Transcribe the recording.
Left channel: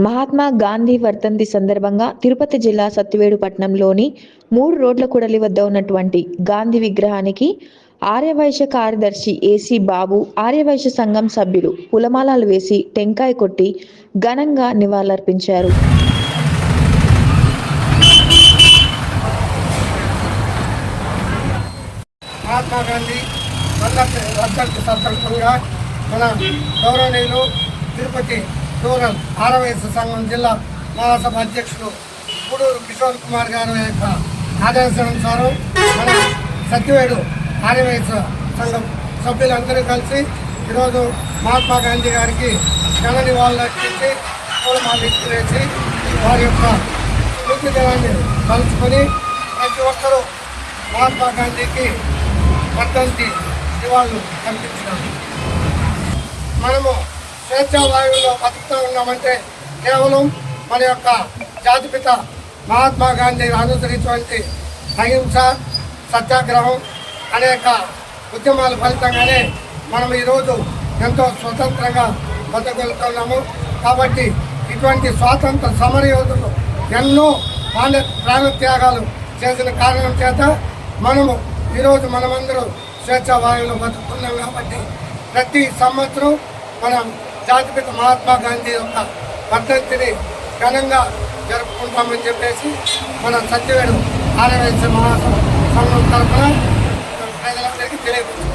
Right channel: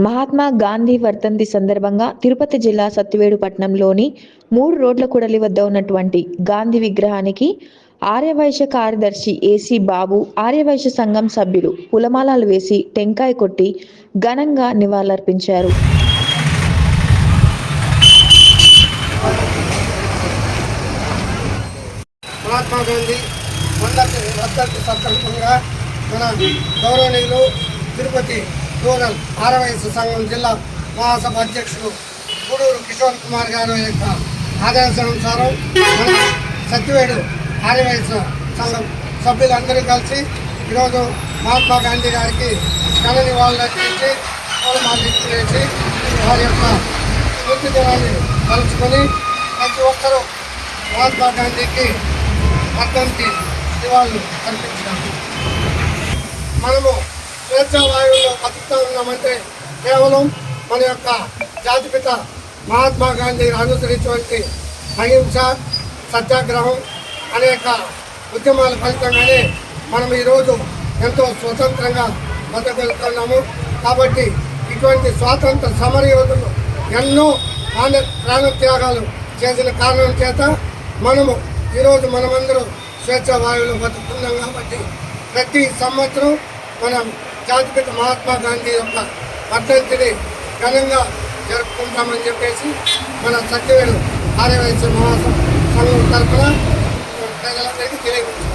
మహాత్మా గాంధీ వర్ధంతి సందర్భంగా తిరుపతి జిల్లా సత్తివేడు పట్టణంలోని మూడు రోడ్ల కూడలి వద్ద ఉన్నటువంటి గాంధీ విగ్రహానికి ఆర్యవైశ్య కార్యదర్శి ఏసీ బాబు ఆర్యవైశ్య సంఘం సభ్యులు పులమాలాలు వేసి టెంకాయ కొట్టి ఘనంగా నివాళులర్పించారు. మహాత్మా గాంధీ మన గౌరవనీయులు తిరుపతి రూరల్ ఆరవయసు సంఘం జిల్లా మహాసభ అధ్యక్షులు గూడూరు కిషోర్ కుమార్ గారి యొక్క ఆదేశానుసారం మన సత్యవేడు ఆరవయసు సంఘం సభ్యులందరూ కలిసి ఈరోజు మహాత్మా గాంధీ గారికి ఘన నివాళులు అర్పించి పూలమాల వేసి వారి యొక్క స్మృతి దినాన్ని కలుసుకొని ప్రతి ఒక్కరూ మహాత్మా గాంధీకి వర్ధంతి నివాళులు కల్పించినారు మనము స్వేచ్ఛావాయువు చేస్తూ ఉన్నామంటే కేవలం మన యొక్క జాతిపిత మహాత్మా గాంధీ అనుసరించినటువంటి అహింస సత్యాగ్రహం అనేక ఉద్యమాల ఫలితంగానే మనం ఈరోజు ఎంతో స్వతంత్రంగా బతకగలుగుతున్నాము. కాబట్టి ఇటువంటి స్వాతంత్ర సమరయోధులు ఎన్నో ప్రాణ ప్రాణత్యాగాలు చేసిన కారణం చేత మనము ఈరోజు మనమందరూ స్వేచ్ఛ వాయువులో బతుకుతున్నాం కాబట్టి ప్రతి సంవత్సరం మనం జాతిపిత మహాత్మా గాంధీ యొక్క వర్ధంతిని ఘనంగా జరుపుకుంటామని చెప్పేసి మన సత్యవేడు ఆర్యవైశ్య మహాసం సంఘం తరఫున ప్రజలందరికీ తెలియపరుస్తున్నాం